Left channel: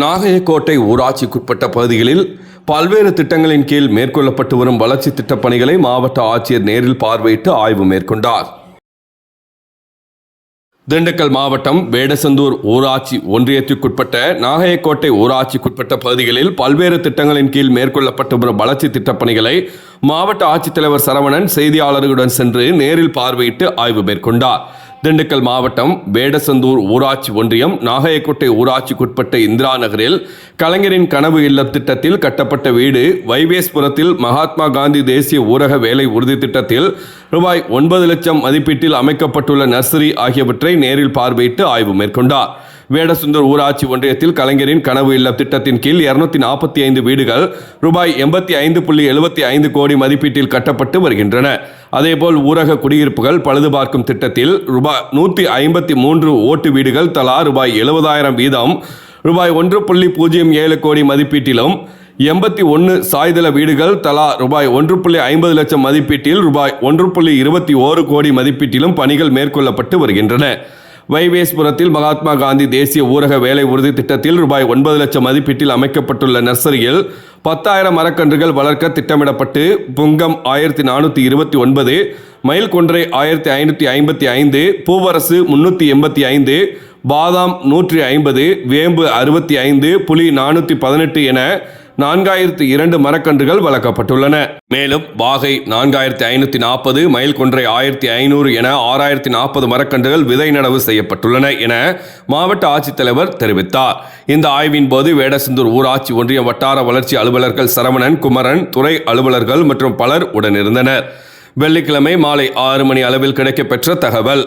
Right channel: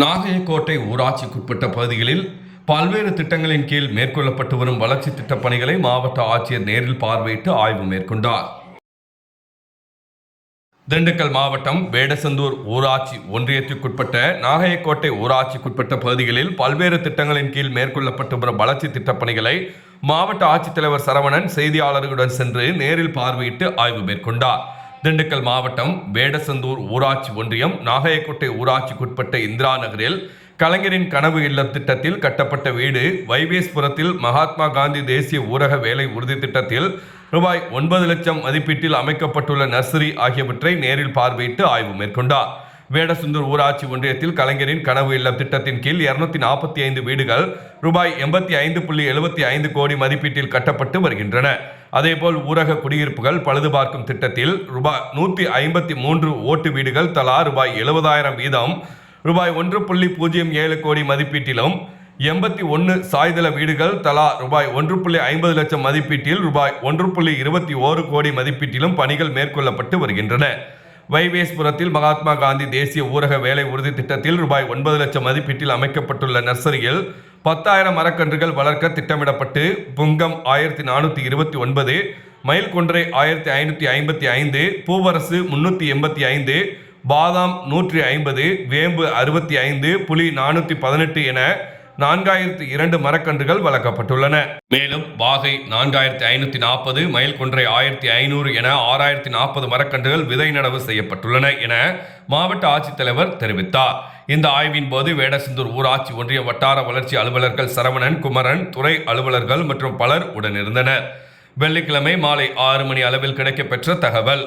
நாகையக்கோட்டை ஊராட்சிக்குட்பட்ட பகுதிகளில் பல்வேறு திட்டங்களின் கீழ் மேற்கொள்ளப்பட்டு வரும் வளர்ச்சி திட்டப் பணிகளை மாவட்ட ஆட்சியர் நேரில் பார்வையிட்டு ஆய்வு மேற்கொண்டார். திண்டுக்கல் மாவட்டம் வேடசந்தூர் ஊராட்சி ஒன்றியத்திற்குட்பட்ட நாகையக்கோட்டை ஊராட்சிக்குட்பட்ட பகுதிகளில் பல்வேறு திட்டங்களின் கீழ் மேற்கொள்ளப்பட்டு வரும் வளர்ச்சி திட்டப் பணிகளை மாவட்ட ஆட்சித்தலைவர் சரவணன் செய்தியாளர்களுடன் சென்று நேரில் பார்வையிட்டு ஆய்வு மேற்கொண்டார். திண்டுக்கல் மாவட்டம் வேடசந்தூர் ஊராட்சி ஒன்றியம் நாகையக்கோட்டை ஊராட்சிக்குட்பட்ட இந்திரா நகரில் கலைஞரின் கனவு இல்லம் திட்டத்தில் கட்டப்பட்ட வீடு, வைவேஸ்புரத்தில் மகாத்மா காந்தி தேசிய ஊரக வேலை உறுதி திட்டத்தில் ரூபாய் 9 லட்சம் மதிப்பீட்டில் அமைக்கப்பட்டுள்ள நர்சரி ஆகியவற்றை நேரில் பார்வையிட்டு ஆய்வு மேற்கொண்டார். வேடசந்தூர் ஊராட்சி ஒன்றியத்தில் கலைஞரின் கனவு இல்லம் திட்டத்தின் கீழ் 245 வீடுகள் ரூபாய் 85.75 கோடி மதிப்பீட்டில் கட்டப்பட்டு வருகின்றன. அதேபோல் ஊரக குடியிருப்புகள் பழுது பார்க்கும் திட்டத்தில் ரூபாய் 153 ஓட்டு வீடுகள் தலா ரூபாய் 70,000 வீதம் ரூபாய் 1.07 கோடி மதிப்பீட்டிலும், 81 சாய்தள வீடுகள் தலா ரூபாய் 1.50 லட்சம் மதிப்பீட்டில் ரூபாய் 1.21 கோடி மதிப்பீட்டிலும் பணிகள் மேற்கொள்ளப்பட்டு வருகின்றன. வைவேஸ்புரத்தில் மகாத்மா காந்தி தேசிய ஊரக வேலை உறுதி திட்டத்தில் ரூபாய் 9 லட்சம் மதிப்பீட்டில் அமைக்கப்பட்டுள்ள நர்சரியில் 10,000 மரக்கன்றுகள் வளர்க்க திட்டமிடப்பட்டு புங்கம் 1429, மயில்கொன்றை 1555, பூவரசு 385, பாதாம் 150, வேம்பு 65, புலி 418 என 4002 மரக்கன்றுகள் வளர்க்கப்பட்டுள்ளன. மேலும் வாகை 4540, மயில்கொன்றை 1500 என 6040 மரக்கன்றுகள் விதை நடவு செய்யப்பட்டுள்ளன என மாவட்ட ஆட்சித்தலைவர் தெரிவித்தார். இந்த ஆய்வின் போது வேடசந்தூர் ஊராட்சி ஒன்றிய வட்டார வளர்ச்சி அலுவலர்கள் சரவணன், குமரன், துறை அலுவலர்கள் மற்றும் பலர் உடனிருந்தனர். வெள்ளிக்கிழமை மாலை 6 மணி அளவில் கிடைக்கப்பெற்ற தகவல்.